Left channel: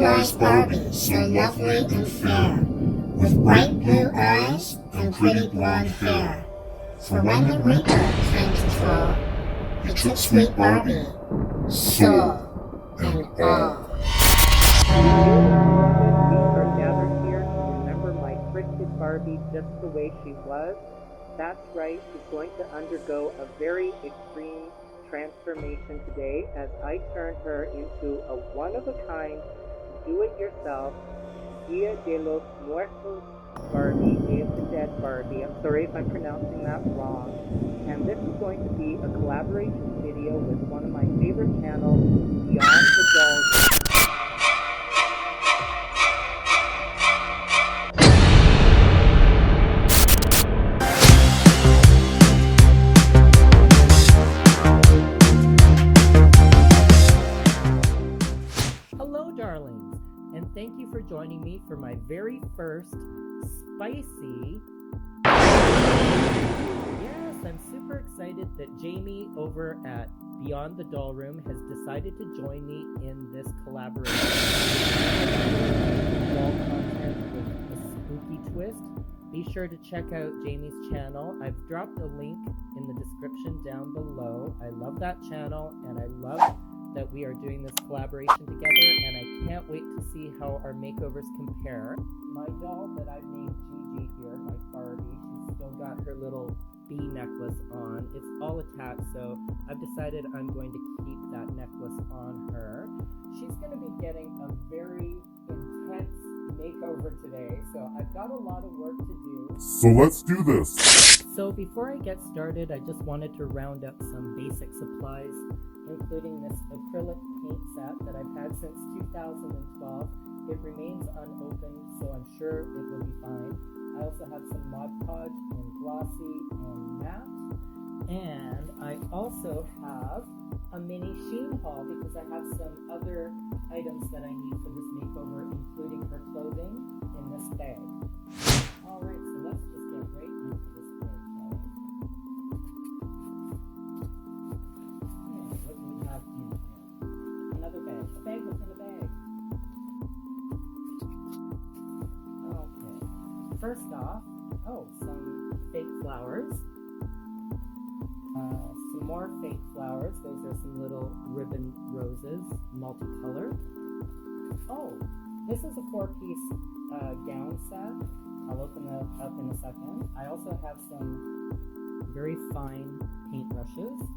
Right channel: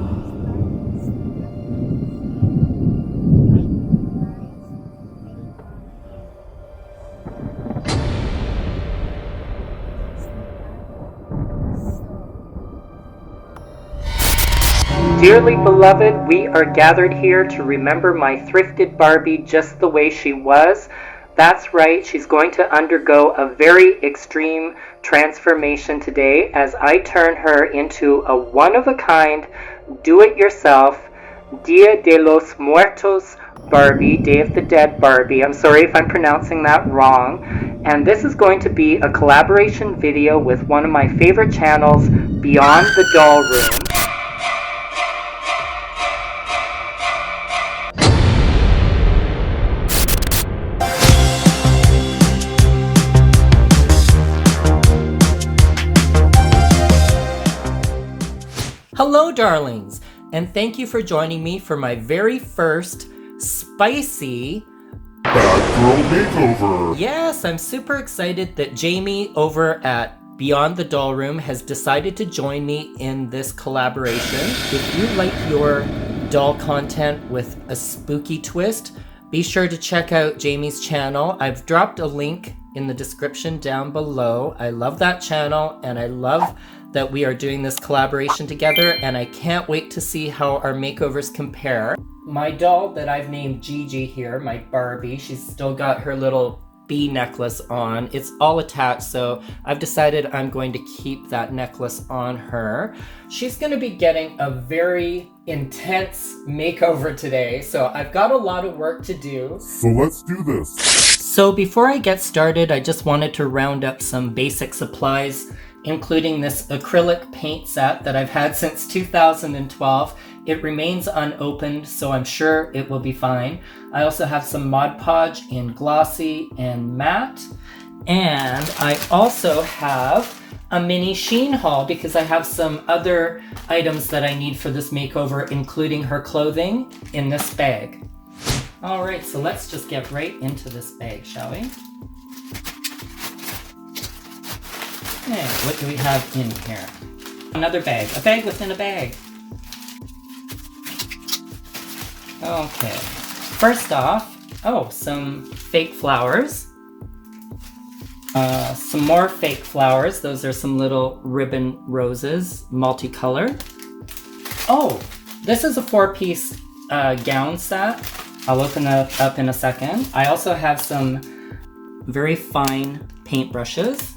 stylized Barbie, so lovely and fair, with bright blue eyes and pretty blonde hair. For when the reaper came to draw, he took sweet Barbie, soul and all. Dearly beloved, we are gathered here to remember my thrifted Barbie just the way she was. That's right, she's going to undergo a very extreme transformation today as I turn her into a one-of-a-kind, do-it-yourself, Dia de los Muertos Barbie, Day of the Dead Barbie. I'm sorry if I'm pronouncing that wrong. And this is going to be a collaboration video with one of my favorite channels, Beyond the Doll Room. Hello darlings, and thank you for joining me for my very first spicy makeover. Yes, I'm super excited that Jamie over at Beyond the Doll Room has decided to join me in this collaboration. If you like your doll content with a spooky twist, be sure to check out Jamie's channel. I've dropped a link in the description down below. I love that channel and I love that we are doing this collaboration together, and I can't wait to see how our makeovers compare. My doll that I've named Gigi here, my Barbie, she's still got her little bee necklace on. It's all attached, so I've decided I'm going to keep that necklace on her. She's going to be getting a very intense makeover today, so I've got a lot of work to do. So let's do this. So before I get started, I just wanted to round up some basic supplies, including this acrylic paint set that I've had since 2012. It remains unopened, so I'm sure it will be fine. I also have some Mod Podge in glossy and matte. And I also have a mini Shein haul because I have some other items that I need for this makeover, including her clothing in this bag. All right, so let's just get right into this bag, shall we? Okay, what do we have in here? Another bag. A bag within a bag. Okay. First off, some fake flowers. Some more fake flowers. Those are some little ribbon roses, multicolored. Oh, this is a 4-piece gown set. I'll open that up in a second. I also have some very fine paintbrushes.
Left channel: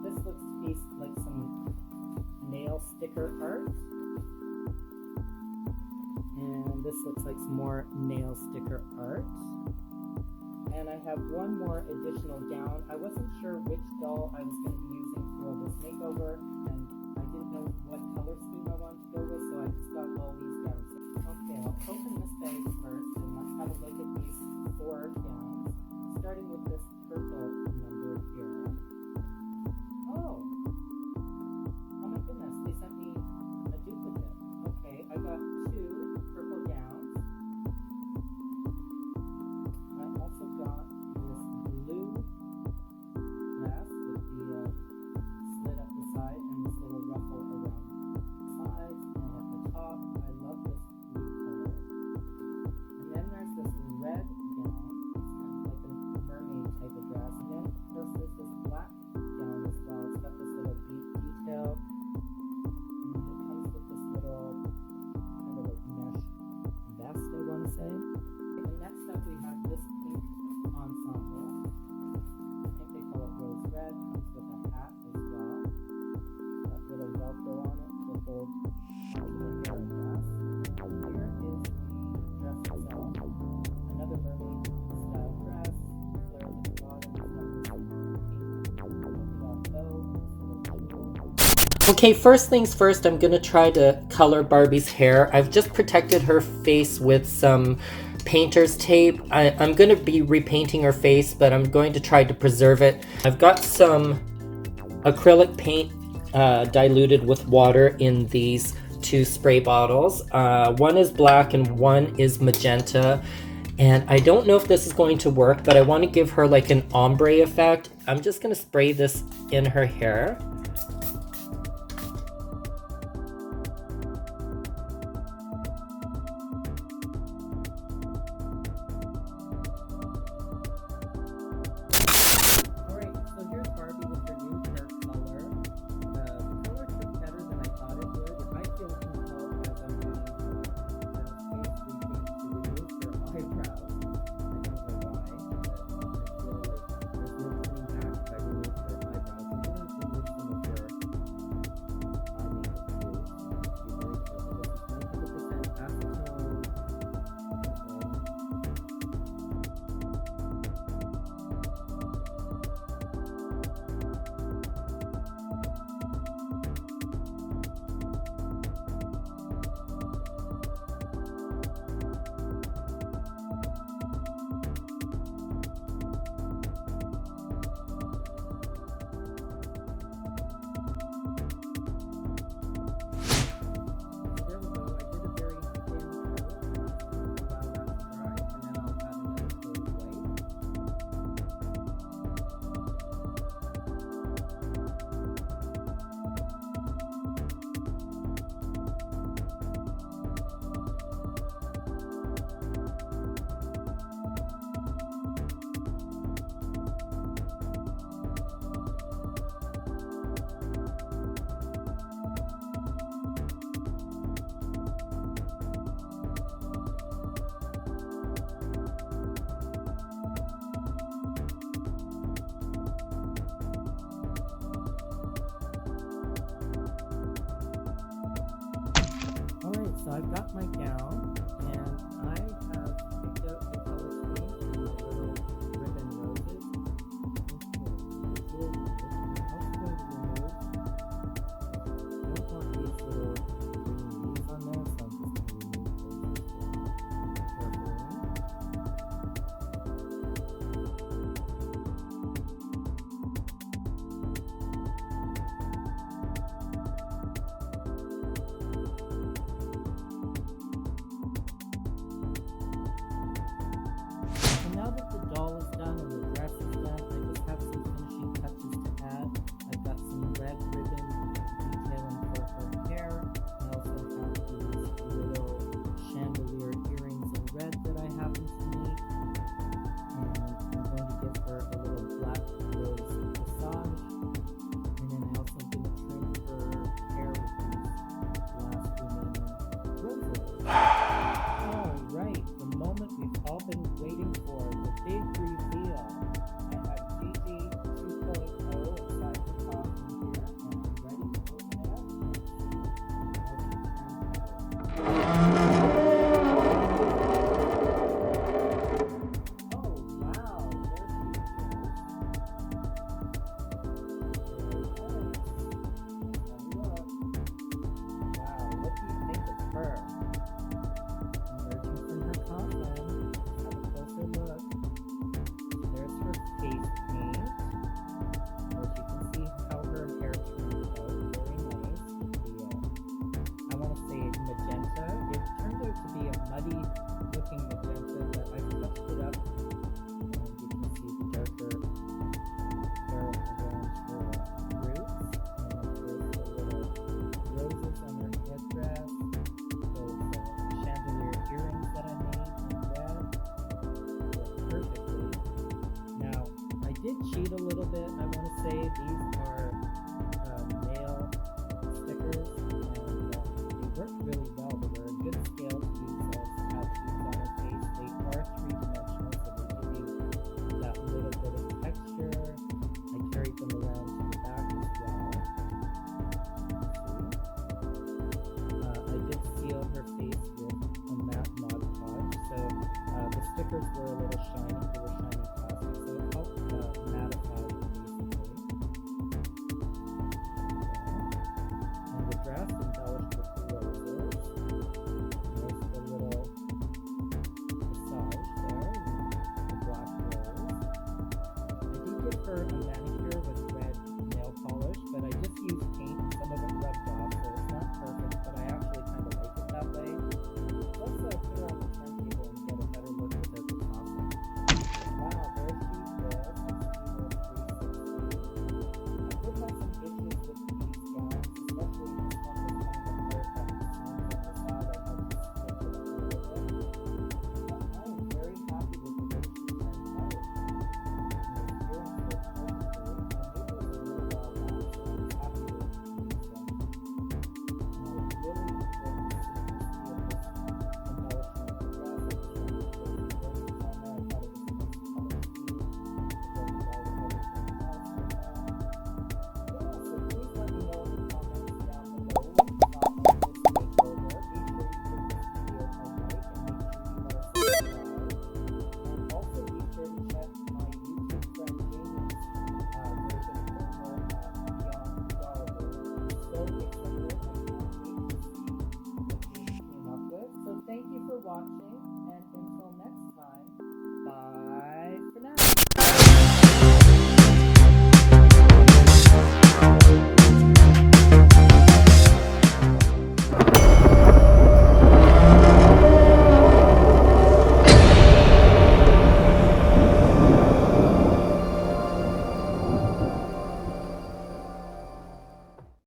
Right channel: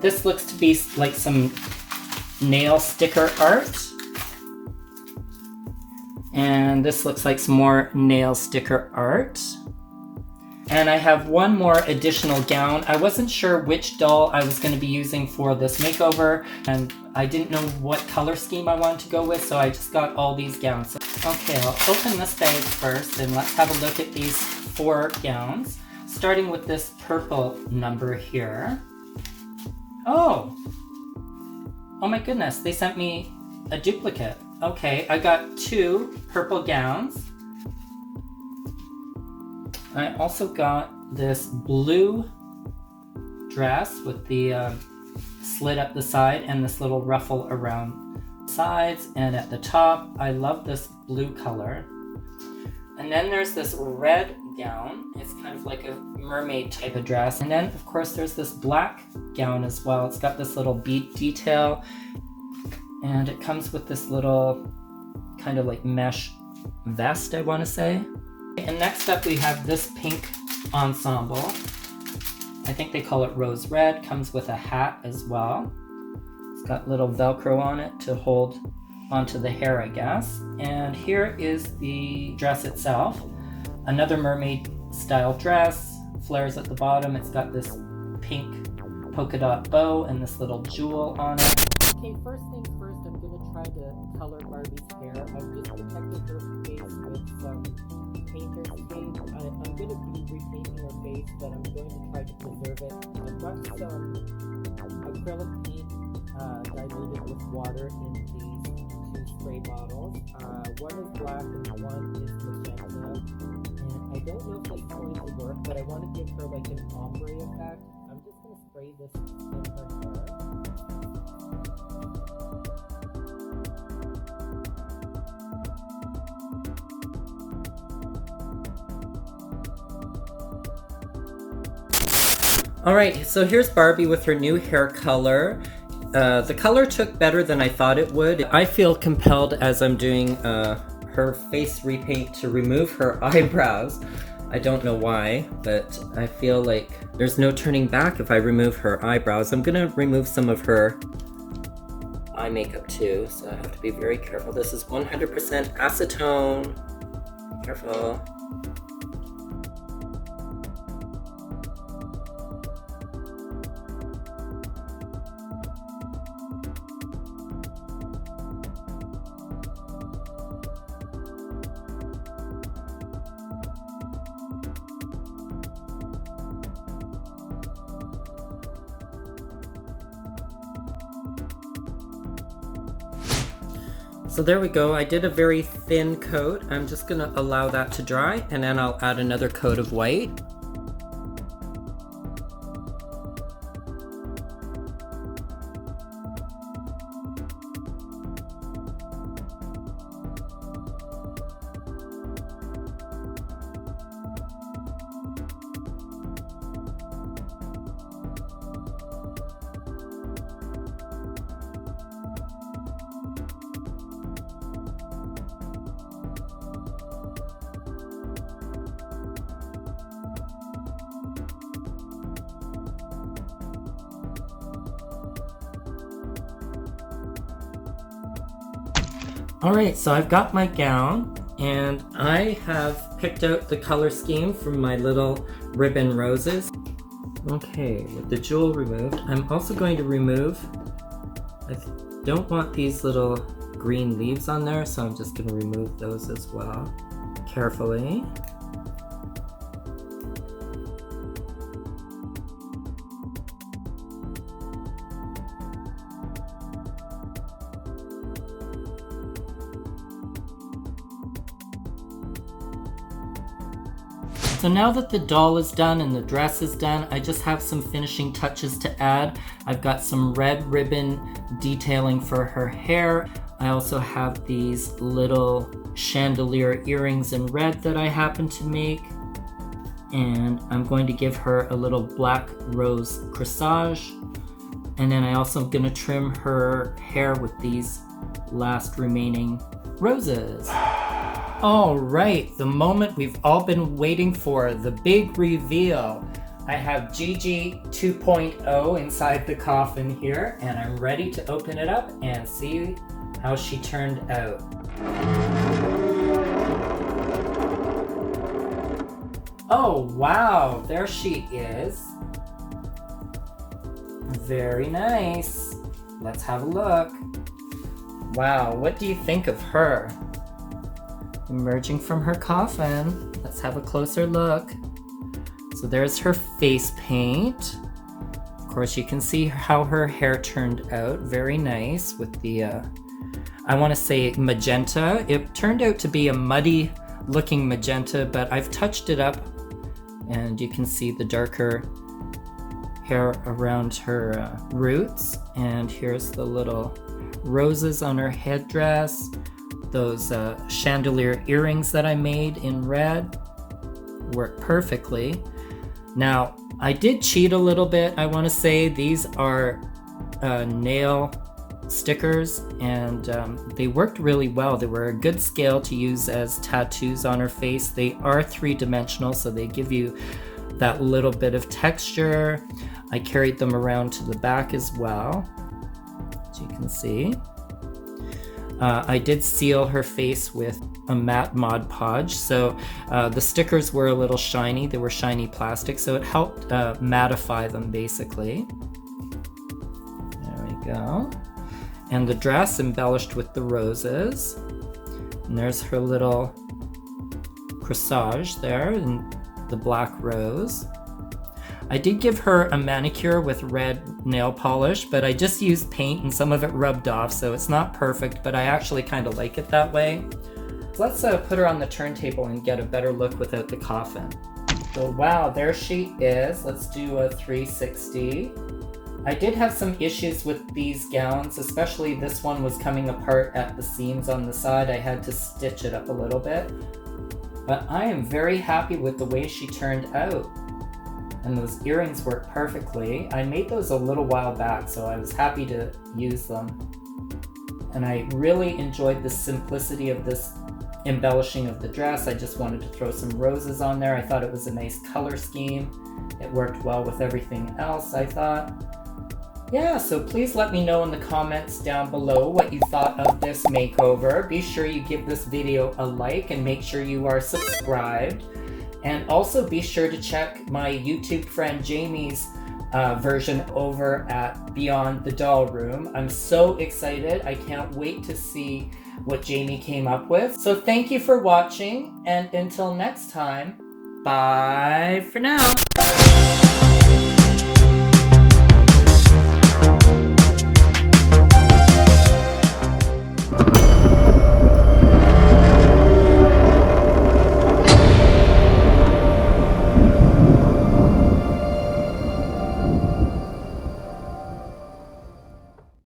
This looks to be like some nail sticker art. And this looks like some more nail sticker art. And I have one more additional gown. I wasn't sure which doll I was going to be using for this makeover, and I didn't know what color scheme I wanted to go with, so I just got all these gowns. Okay, I'll open this bag first, and let's have a look at these 4 gowns, starting with this purple number here. Oh my goodness, they sent me a duplicate. Okay, I got 2 purple gowns. I also got this blue dress with the slit up the side and this little ruffle around the sides and at the top. I love this blue color. And then there's this red gown. It's kind of like a mermaid type of dress. And then, of course, there's this black gown as well. It's got this little bead detail. And it comes with this little kind of like mesh vest, I want to say. And next up we have this pink ensemble. I think they call it rose red. Comes with a hat as well. It's got little Velcro on it to hold onto the hair, I guess. And here is the dress itself. Another mermaid style dress. Flares at the bottom. It's got this pink polka dot bow and this little jewel on it. Okay, first things first, I'm gonna try to color Barbie's hair. I've just protected her face with some painter's tape. I'm gonna be repainting her face, but I'm going to try to preserve it. I've got some acrylic paint diluted with water in these 2 spray bottles. One is black and one is magenta. And I don't know if this is going to work, but I want to give her like an ombre effect. I'm just going to spray this in her hair. Alright, so here's Barbie with her new hair color. The color took better than I thought it would. I feel compelled as I'm doing her face repaint to remove her eyebrows. I don't know why, but I feel like there's no turning back if I remove her eyebrows. I'm gonna remove some of her eye makeup too, so I have to be very careful. This is 100% acetone. Careful. So there we go, I did a very thin coat. I'm just gonna allow that to dry and then I'll add another coat of white. Alright, so I've got my gown and I have picked out the color scheme from my little ribbon roses. Okay, with the jewel removed, I'm also going to remove, I don't want these little green leaves on there, so I'm just going to remove those as well, carefully. So now that the doll is done and the dress is done, I just have some finishing touches to add. I've got some red ribbon detailing for her hair. I also have these little chandelier earrings in red that I happen to make. And I'm going to give her a little black rose corsage. And then I also am going to trim her hair with these last remaining roses. All right, the moment we've all been waiting for, the big reveal. I have Gigi 2.0 inside the coffin here, and I'm ready to open it up and see how she turned out. Oh, wow, there she is. Very nice. Let's have a look. Wow, what do you think of her? Emerging from her coffin. Let's have a closer look. So there's her face paint. Of course, you can see how her hair turned out. Very nice with the, I want to say magenta. It turned out to be a muddy looking magenta, but I've touched it up and you can see the darker hair around her roots. And here's the little roses on her headdress. Those chandelier earrings that I made in red work perfectly. Now, I did cheat a little bit. I want to say these are nail stickers and they worked really well. They were a good scale to use as tattoos on her face. They are 3-dimensional, so they give you that little bit of texture. I carried them around to the back as well, as you can see. I did seal her face with a matte Mod Podge, so the stickers were a little shiny. They were shiny plastic, so it helped mattify them basically. There we go. And the dress embellished with the roses. And there's her little corsage there in the black rose. I did give her a manicure with red nail polish, but I just used paint and some of it rubbed off, so it's not perfect, but I actually kind of like it that way. Let's put her on the turntable and get a better look without the coffin. So wow, there she is. Let's do a 360. I did have some issues with these gowns, especially this one was coming apart at the seams on the side. I had to stitch it up a little bit. But I am very happy with the way she turned out. and those earrings work perfectly. I made those a little while back, so I was happy to use them. And I really enjoyed the simplicity of this embellishing of the dress. I just wanted to throw some roses on there. I thought it was a nice color scheme. It worked well with everything else, I thought. Yeah, so please let me know in the comments down below what you thought of this makeover. Be sure you give this video a like and make sure you are subscribed. And also be sure to check my YouTube friend Jamie's version over at Beyond the Doll Room. I'm so excited. I can't wait to see what Jamie came up with. So thank you for watching, and until next time, bye for now.